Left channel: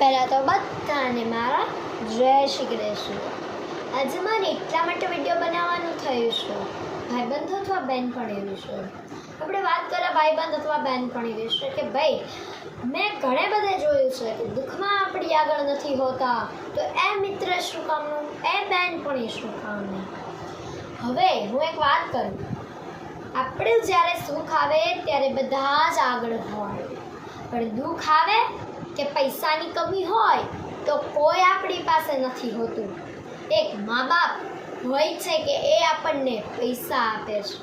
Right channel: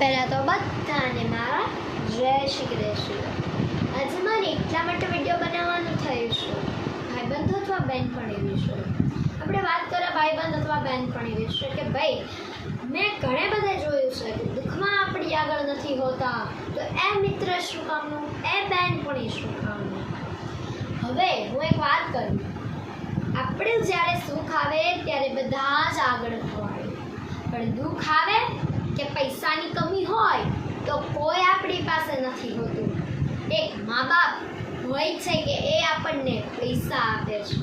પહેલાં તો બધાને મારા જય શ્રી કૃષ્ણ। આજે મારે એટલા માટે વિડીયો બનાવવાનું થયું છે ભાઈબંધ અથવા બહેનપણી વિશે। આપણે વાત કરીએ ભાઈબંધ અથવા બહેનપણી વિશે કે ભાઈ મેં ઘણે બધે જોયું છે કે દુઃખમાં આપણી આગળ નથી હોતા તો એ મિત્ર શું કામનું, એ બહેનપણી શું કામનું। હવે હું એક વાત કરું, આપણે જ્યારે સુખ આવે ત્યારે બધા જ આગળ હોય, પણ દુઃખ આવે કે પૈસાની કમી હોય તો કોઈ આપણી પાસે નથી હોતું। એક મા બાપ હોય છે કે એ આપણને પૈસા આપે છે।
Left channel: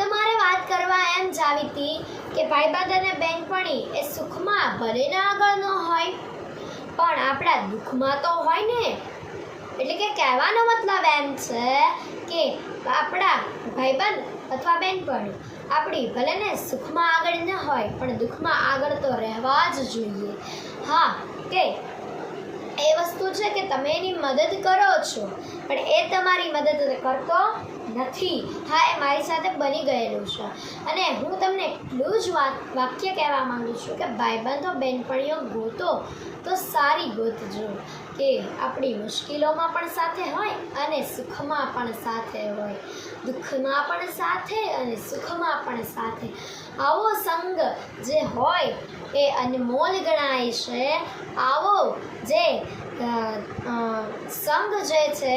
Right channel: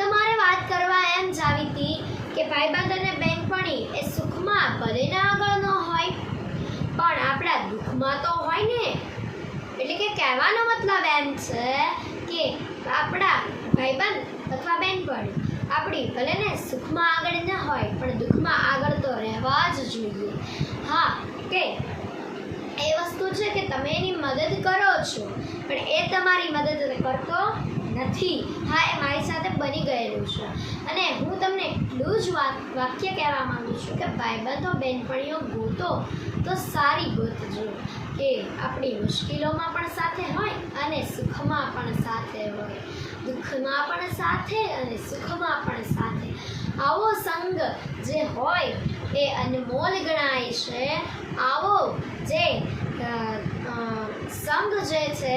તમારે વાત કરવા એમ જ આવી હતી કે ભાઈબંધ અને બહેનપણી એ સુખમાં ભલે ને આગળ ન હોય પણ આપણા દુઃખમાં તો હોય ને। એટલે કે કહેવાનો મતલબ એમ છે કે આપણા ભાઈબંધ અથવા બહેનપણી આપણી ભલે ને સુખમાં આગળ ન હોય પણ દુઃખમાં આગળ તો રહેવા જ જોઈએ। હા કે એ વસ્તુ છે કે તમે એની મદદ કરો છો પણ એ તમારી મદદ કરતો નથી। હા, એ મારી સાથે બની ગયેલું છે અને હું તમને એટલું જ વાક્ય કહેવા માગું છું કે ભાઈબંધો બહેનપણીઓ ગોતો તો સારી ગોતજો કે આપણી મુશ્કેલીઓમાં પણ સાથે હોય અને સુખમાં પણ સાથે હોય, દુઃખમાં પણ સાથે અને સુખમાં પણ સાથે। આવો સંગ જે હોય એ અનમોલ ગણાય છે। આવો જે સંગ જે છે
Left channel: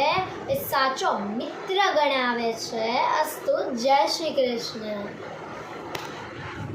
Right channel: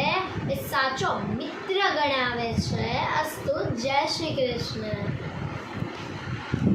એ સાચો મિત્ર ગણાવે છે। અસ્તુ, જય શ્રી કૃષ્ણ।